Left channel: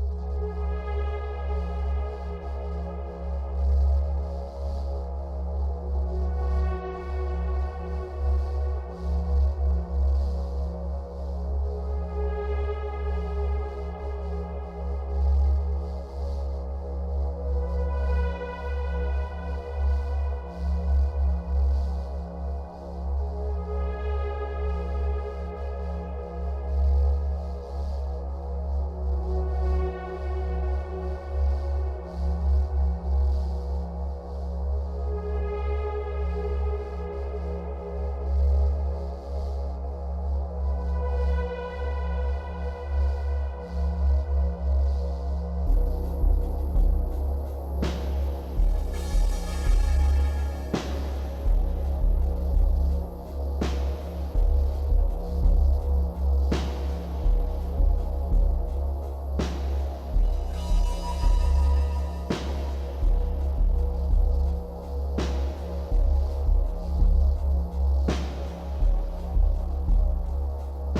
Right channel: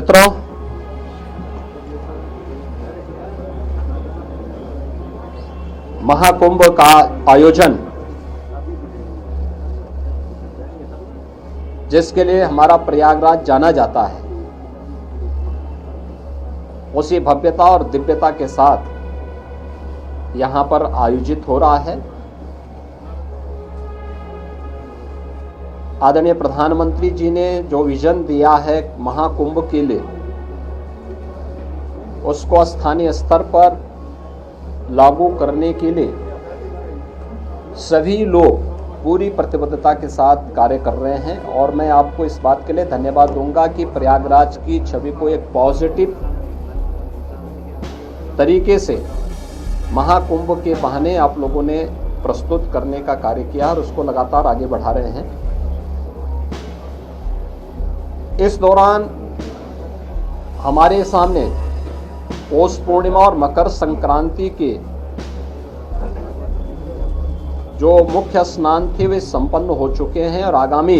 मित्रों, महाकुंभ का आयोजन जिसके लिए हमारा प्रयागराज जाना जाता है, उसी भव्यता और दिव्यता के साथ यहां पर आयोजित हो रहा है। आदरणीय प्रधानमंत्री जी ने जो विजन दिया है महाकुंभ के लिए, उसको स्थानीय स्तर पर लागू करने के लिए सभी लोग पूरी प्रतिबद्धता के साथ कार्य कर रहे हैं। और मैं आपको इस बात के लिए धन्यवाद दूंगा कि प्रयागराज की छवि को एक पॉजिटिव तरीके से महाकुंभ के बहाने आप लोगों ने प्रस्तुत करने का कार्य किया और उसको लगातार आगे बढ़ा रहे हैं। इस दौरान हमारे सामने पौष पूर्णिमा और मकर संक्रांति के जो मुख्य स्नान थे वे संपन्न हो चुके हैं और आगामी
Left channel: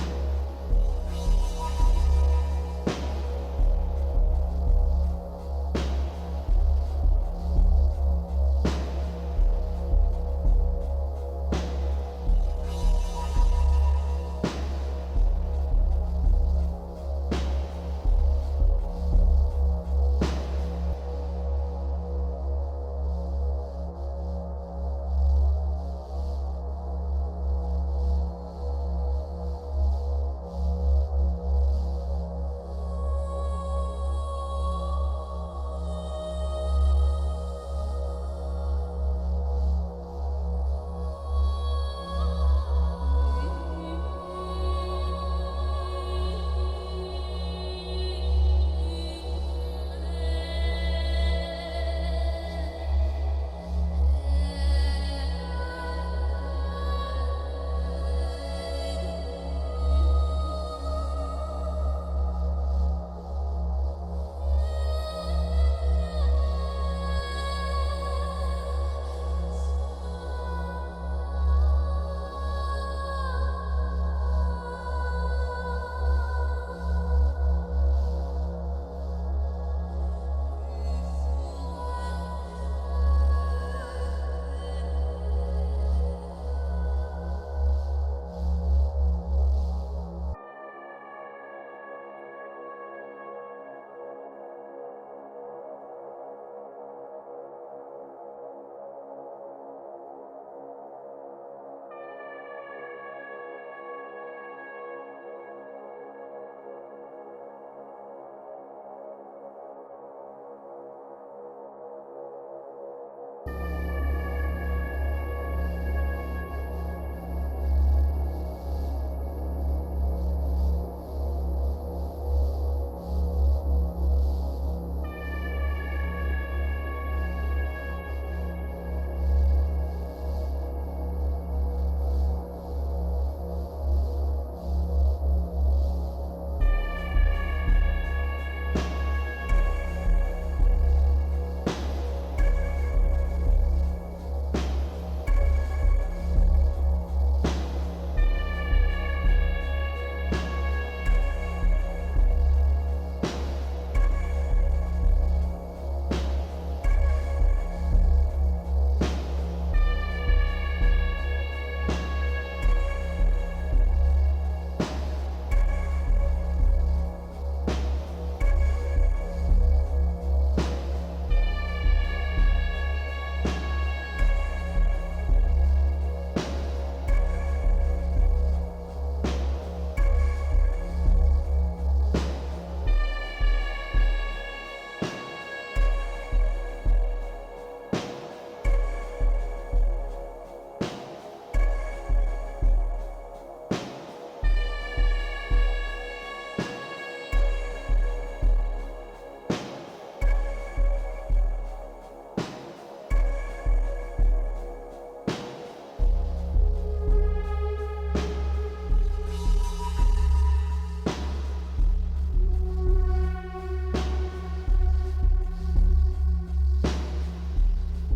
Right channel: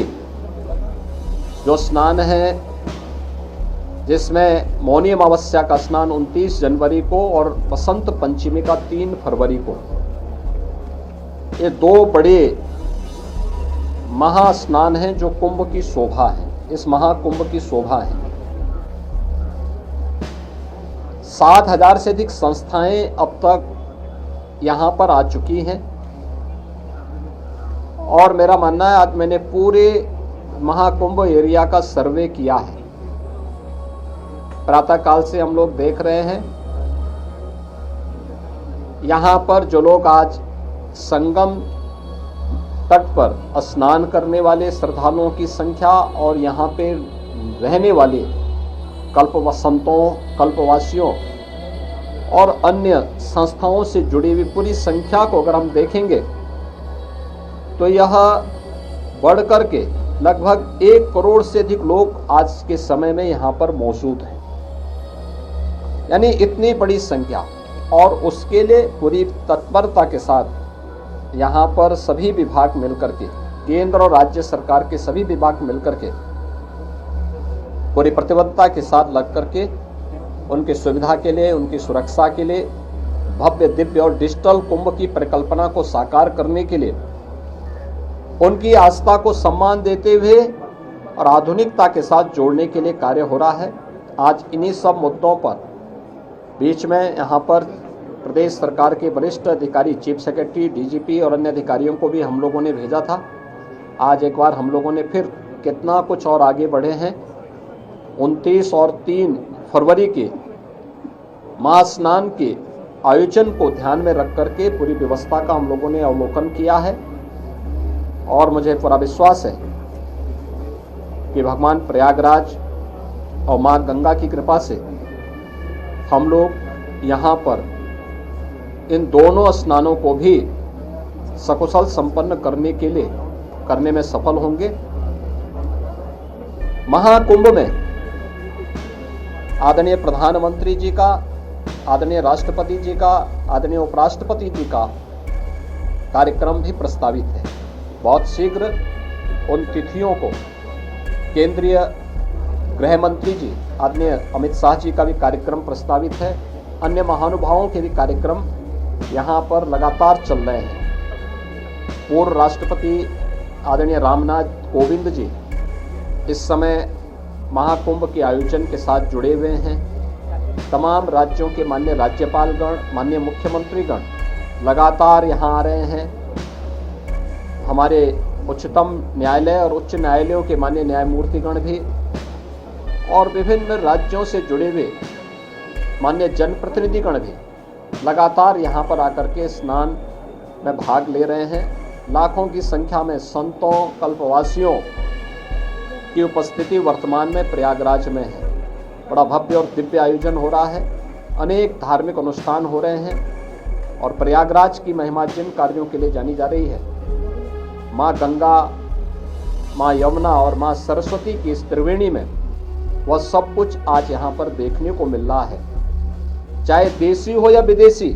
जो स्नान है, जिसमें मौनी अमावस्या का स्नान 29 जनवरी को और बसंत पंचमी का 3 फरवरी को, ये दो बड़े महास्नान हैं जो कुंभ की शोभा है, इस महाकुंभ की शोभा है। 7,000 से अधिक संस्थाएं अब तक यहां पर आ चुकी हैं और मेरा मानना है, आज मैंने पूरे महाकुंभ एरिया का सर्वे किया है। प्रातःकाल से हम लोग देख रहे हैं यहां पर जो लोग आज संगम तट पर स्नान करने वाले श्रद्धालुओं की संख्या और यहाँ पे रहने वाले कल्पवासियों और अन्य संस्थाओं से जुड़ी हुई पूरी संख्या को अगर हम देखेंगे तो यह बढ़ कर के लगभग 1 करोड़ से अधिक लोग आज के समय में यहाँ पर मौजूद हैं, यानी इतनी बड़ी संख्या। और उसके लिए पूरी तत्परता के साथ यहाँ पर सभी विभाग मिलकर के, केंद्र और राज्य सरकार के सभी विभाग मिलकर के पूरी प्रतिबद्धता के साथ लग करके उनकी सुविधा के लिए, उनकी सुरक्षा के लिए, भव्य दिव्य और डिजिटल कुंभ की परिकल्पना को साकार करने के लिए, उनकी आस्था को सम्मान देते हुए और आधुनिकता के साथ जोड़ने के लिए कार्य हो रहा है। आज इन्हीं सब मुद्दों पर बीच में यहाँ पर प्रदेश सरकार के वरिष्ठ अधिकारी, चीफ सेक्रेटरी, डीजीपी और अन्य अधिकारियों को भी हम लोगों ने भेजा था। आज एक बार हम लोगों ने फिर कितना कुछ और आगे बढ़े हैं। 29 और 3 फरवरी के महास्नान के आयोजन को ध्यान में रख करके पूरी व्यवस्था का हम लोगों ने अवलोकन किया है और मुझे पूरा विश्वास है कि भगवान प्रयागराज और माँ गंगा की कृपा से हम लोग यहाँ पर इन दोनों स्नानों को भी सकुशल संपन्न करने में सफल होंगे। महाकुंभ में आदरणीय प्रधानमंत्री जी का, आदरणीय राष्ट्रपति जी का, आदरणीय उपराष्ट्रपति जी का कार्यक्रम भी प्रस्तावित है। बहुत शीघ्र उन तिथियों को केंद्रीय गृह मंत्री जी आदरणीय अमित शाह जी का भी कार्यक्रम प्रस्तावित है। अन्य महानुभावों के भी कार्यक्रम यहाँ पर लगातार चल रहे हैं। पूर्व राष्ट्रपति आदरणीय रामनाथ कोविंद जी इस समय महाकुंभ के आयोजन के साथ जुड़े हुए हैं। तमाम राज्यों के माननीय राज्यपालगण, माननीय मुख्यमंत्रीगण लगातार यहाँ आ रहे हैं। हमारे उच्चतम न्यायालय और उच्च न्यायालयों के माननीय न्यायमूर्तिगण भी और विभिन्न राज्यों से जुड़े हुए माननीय जनप्रतिनिधिगण भी लगातार यहाँ पर आकर के स्नान में भाग ले रहे हैं। लाखों की संख्या में संतों, कल्पवासियों की उपस्थिति वर्तमान में प्रयागराज में है। बड़ा भव्य और दिव्य आयोजन हो रहा है। अनेक धार्मिक अनुष्ठान हो रहे हैं और प्रयागराज की महिमा जिन कार्यों के लिए जानी जा रही है, माँ गंगा, माँ यमुना और माँ सरस्वती की इस त्रिवेणी में, वह सब कुछ आज यहाँ पर देखने को मिल रहा है। चाहे देशी हो या विदेशी,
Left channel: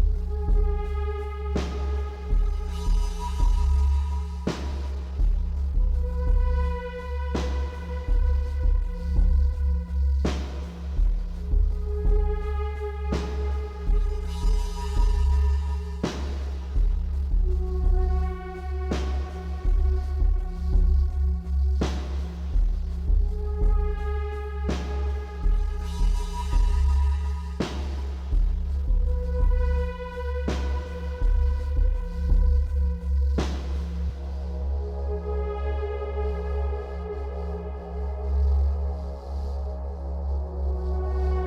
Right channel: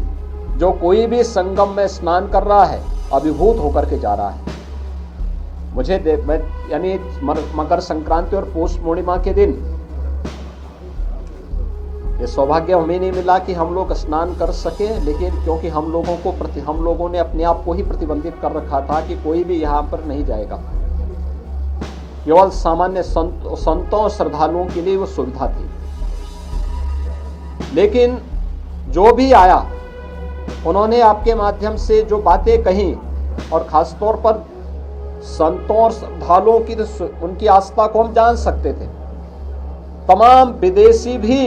जो कोई भी संगम में स्नान कर रहा है अभिभूत होकर के जा रहा है। मुझे यानी मकर संक्रांति और पौष पूर्णिमा के दिन ये सौभाग्य हमें नहीं मिला कि हम लोग स्नान कर सके, लेकिन क्योंकि हम लोगों ने अपने आप को ही प्रतिबंधित कर रखा था कि कोई भी यहाँ पर नहीं जाएगा। केवल सामान्य संतों और श्रद्धालुओं के लिए वो सुविधा थी। लेकिन जो भी आया उन्होंने आपके माध्यम से जो बातें कही, और खासतौर पर संतों और श्रद्धालुओं की उनकी आस्था को हम जान सकते थे। तमाम विदेशी भी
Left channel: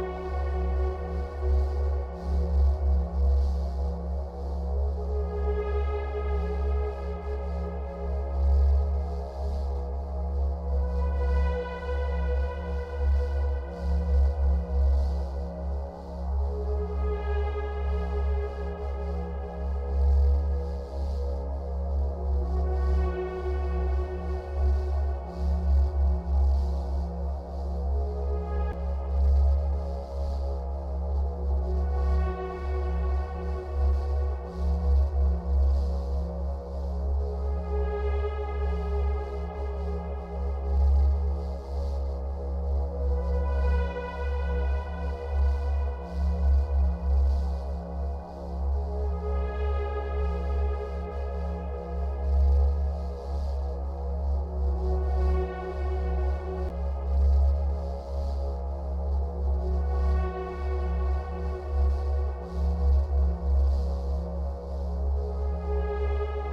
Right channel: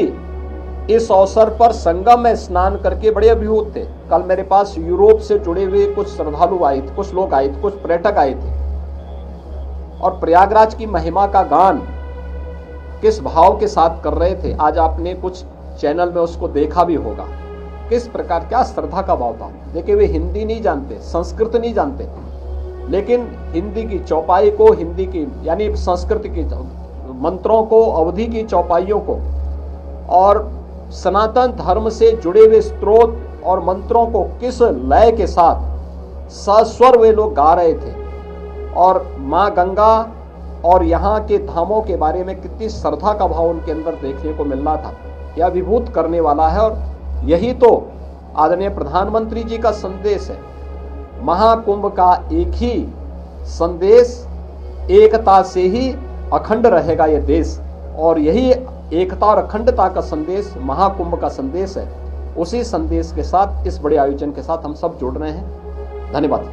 इस अवसर पर संगम में स्नान करके बड़े अभिभूत थे। कल मेरे पास यूरोप से जुड़े हुए कुछ श्रद्धालु आए थे, कुछ लोग आए थे, कुछ पर्यटक आए थे, और प्रयागराज की महिमा का गान किस भाव के साथ कर रहे थे। आज आपने कुछ चैनल में उसको देखा भी होगा, किस प्रकार क्या श्रद्धा का भाव था। देखिए, वे हिंदी नहीं जानते, संस्कृत नहीं जानते, लेकिन हिंदी की चौपाई को, हिंदी की यानी संस्कृत की मंत्रों को, अवधि की चौपाइयों को और सनातन धर्म से जुड़े हुए स्त्रोत और मंत्रों को किस लय के साथ सस्वर वे लोग गा रहे थे, और माँ गंगा और यहाँ के धामों के बारे में कितनी श्रद्धा का भाव उनके अंदर देखने को मिल रहा था। यह विभूत करने वाला है, और यही तो आदरणीय प्रधानमंत्री जी का संदेश है। महाकुंभ का एक ही संदेश, एकता से ही अखंड रहेगा यह देश, और यही एकता और अखंडता का संदेश महाकुंभ का संदेश है। उसी संदेश के साथ, इस बड़े आयोजन के साथ हम सब जुड़ रहे हैं। धन्यवाद।